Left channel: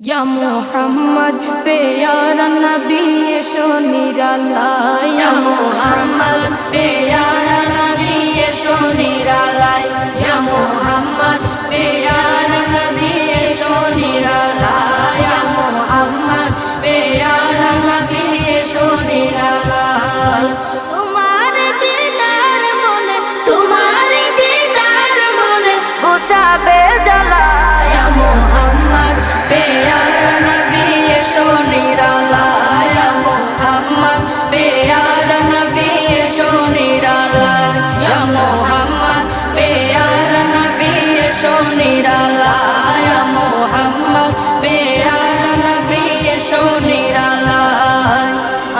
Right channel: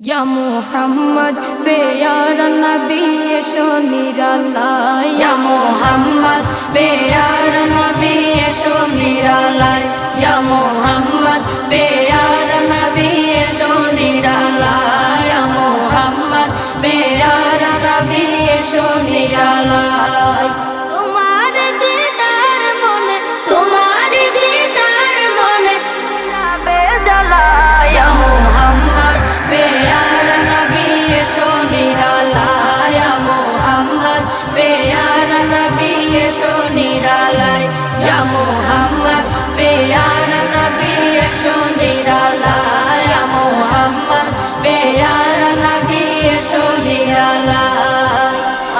ইয়া Mohammad pair নবী এসো নিরালা ইয়া Mohammad pair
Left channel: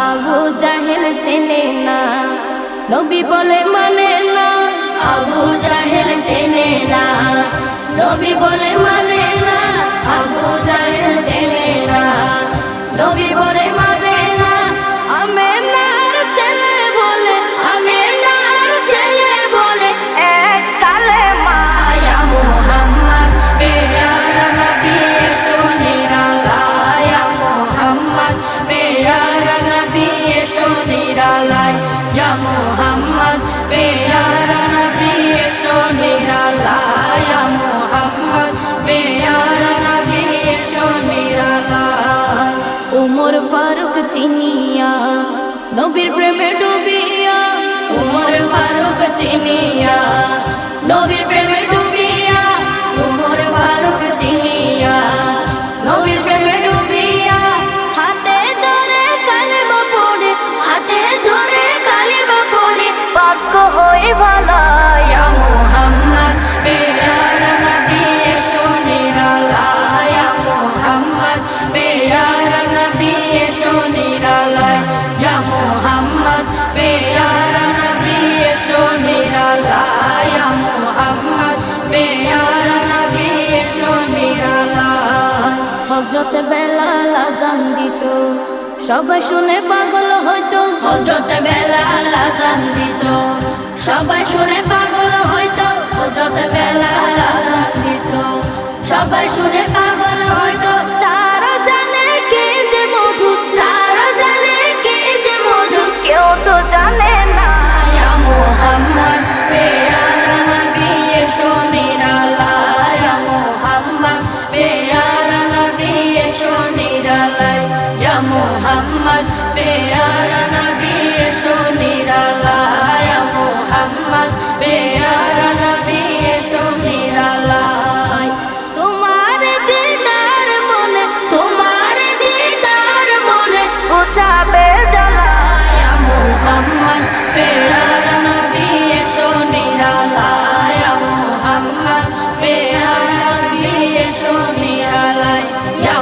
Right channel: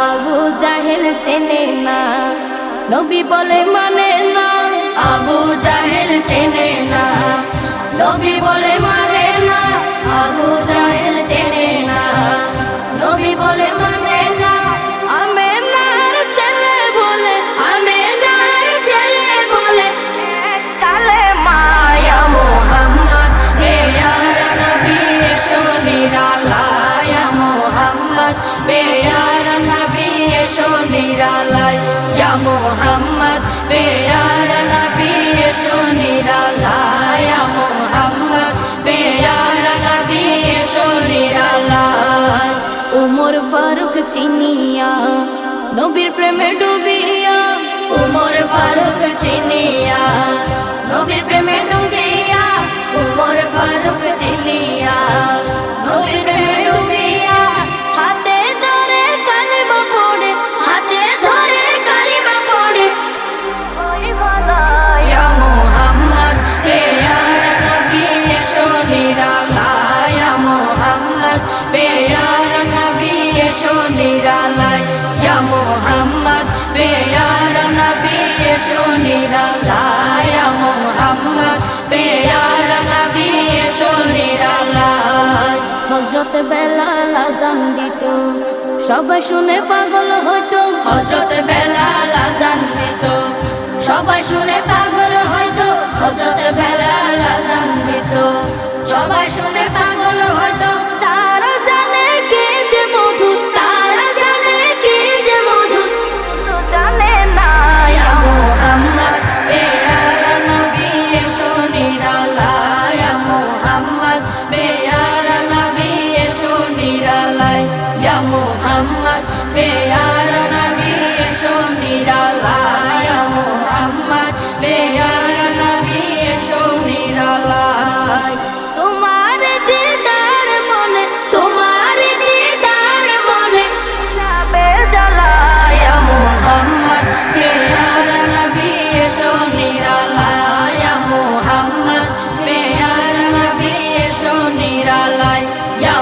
Abu জাহেল চেনে না নবী বলে মানে না। আবু জাহেল চেনে না নবী বলে মানে মোহাম্মদ, পেয়ারা নবী এসো নিরালায়া। মোহাম্মদ, পেয়ারা নবী এসো নিরালায়। উমর ফারুক চিনিয়া, নবীর প্রেমে ডুবিয়া। উমর হজরত বেলাল আজান দিত। সবাই শুনে পাগল হইতো। হজরত বেলাল আজান দিত। সবাই শুনে পাগল হইতো। হজরত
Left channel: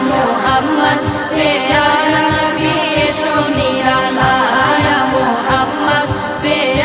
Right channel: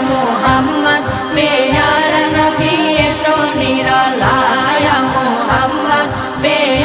মোহাম্মদ পেয়ারা নবী এসো নিরালায়া মোহাম্মদ পেয়ারা